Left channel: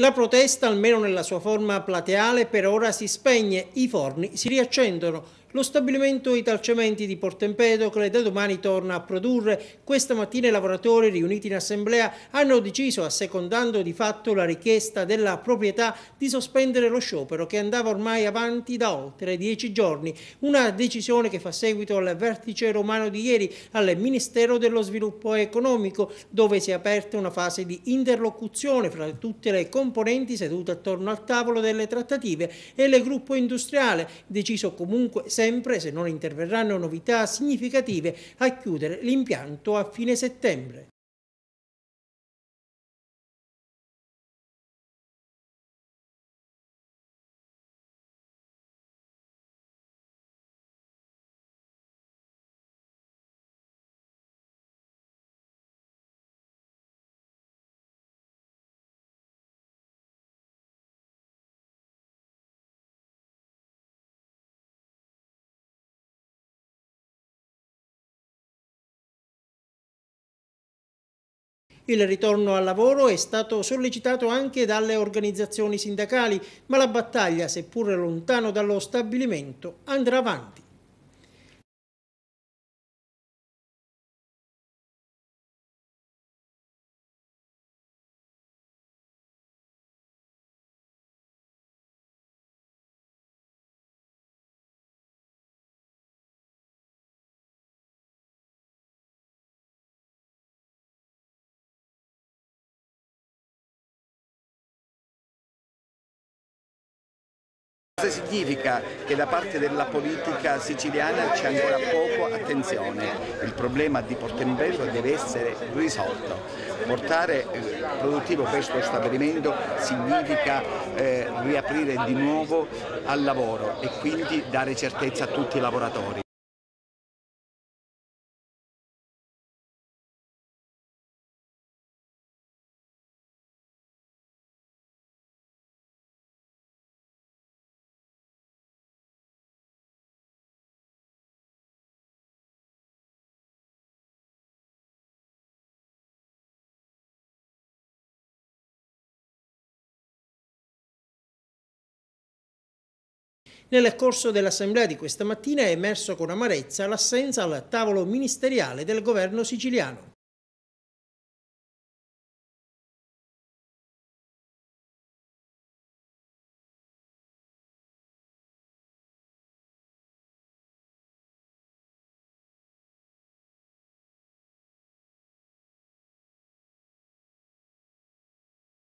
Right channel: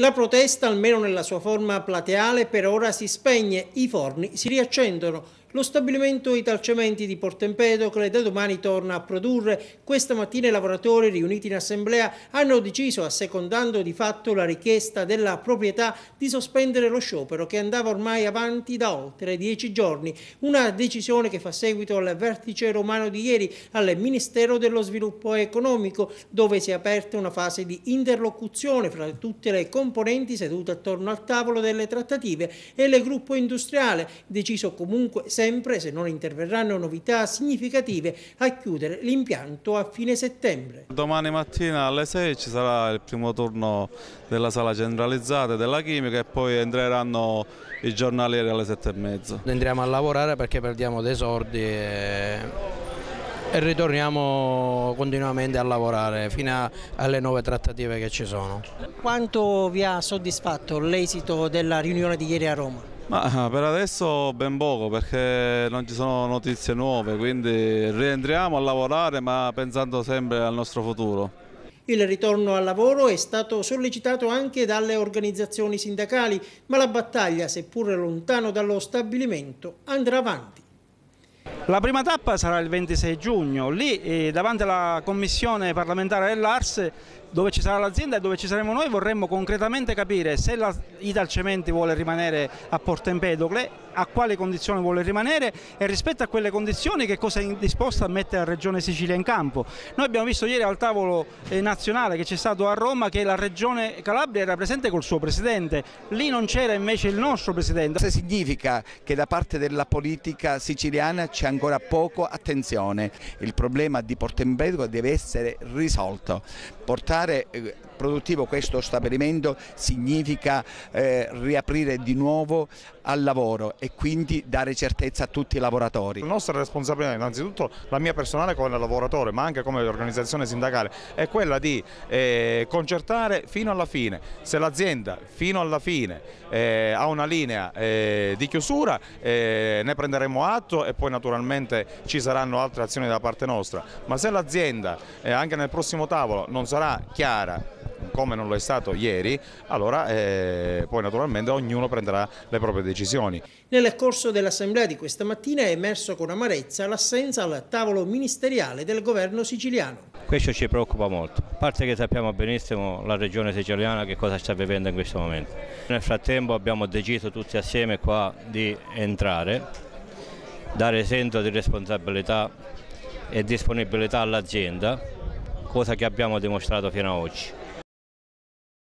La protesta, almeno nella sua forma plateale, per ora si spegne, i forni si riaccendono. Lo stabilimento Italcementi di Porto Empedocle da domani torna a produrre. Questa mattina i lavoratori riuniti in assemblea hanno deciso, assecondando di fatto la richiesta della proprietà, di sospendere lo sciopero che andava ormai avanti da oltre 10 giorni. Una decisione che fa seguito al vertice romano di ieri al Ministero dello Sviluppo Economico, dove si è aperta una fase di interlocuzione fra tutte le componenti sedute attorno al tavolo delle trattative e il gruppo industriale, deciso comunque sempre, se non interverranno novità significative, a chiudere l'impianto a fine settembre. Domani mattina alle 6 ci sarà il primo turno della sala centralizzata della chimica e poi entreranno i giornalieri alle 7:30. Andremo a lavorare perché perdiamo dei soldi e ritorniamo continuamente a lavorare fino alle nuove trattative che ci sono. Quanto vi ha soddisfatto l'esito della riunione di ieri a Roma? Ma per adesso ben poco, perché non ci sono notizie nuove, quindi rientriamo a lavorare ma pensando sempre al nostro futuro. Il ritorno al lavoro è stato sollecitato anche dalle organizzazioni sindacali, ma la battaglia, seppur lontano dallo stabilimento, andrà avanti. La prima tappa sarà il 26 giugno, lì davanti alla commissione parlamentare dell'Ars, dove ci sarà l'azienda e dove ci saremo noi, vorremmo concretamente capire se la Italcementi vuole rimanere a Porto Empedocle, a quali condizioni vuole rimanere e rispetto a quelle condizioni che cosa è disposta a mettere la Regione Sicilia in campo. Noi abbiamo visto ieri al tavolo nazionale che c'è stato a Roma che la Regione Calabria era presente col suo Presidente, lì non c'era invece il nostro Presidente. Questo significa che da parte della politica siciliana c'è ancora poco attenzione, il problema di Porto Empedocle deve essere risolto. Portare produttivo questo stabilimento significa riaprire di nuovo al lavoro e quindi dare certezza a tutti i lavoratori. La nostra responsabilità, innanzitutto la mia personale come lavoratore ma anche come organizzazione sindacale, è quella di concertare fino alla fine. Se l'azienda fino alla fine ha una linea di chiusura ne prenderemo atto e poi naturalmente ci saranno altre azioni da parte nostra, ma se l'azienda anche nel prossimo tavolo non sarà chiara come non lo è stato ieri, allora poi naturalmente ognuno prenderà le proprie decisioni. Nel corso dell'assemblea di questa mattina è emerso con amarezza l'assenza al tavolo ministeriale del governo siciliano. Questo ci preoccupa molto, a parte che sappiamo benissimo la regione siciliana che cosa sta vivendo in questo momento. Nel frattempo abbiamo deciso tutti assieme qua di entrare, dare senso di responsabilità e disponibilità all'azienda, cosa che abbiamo dimostrato fino ad oggi.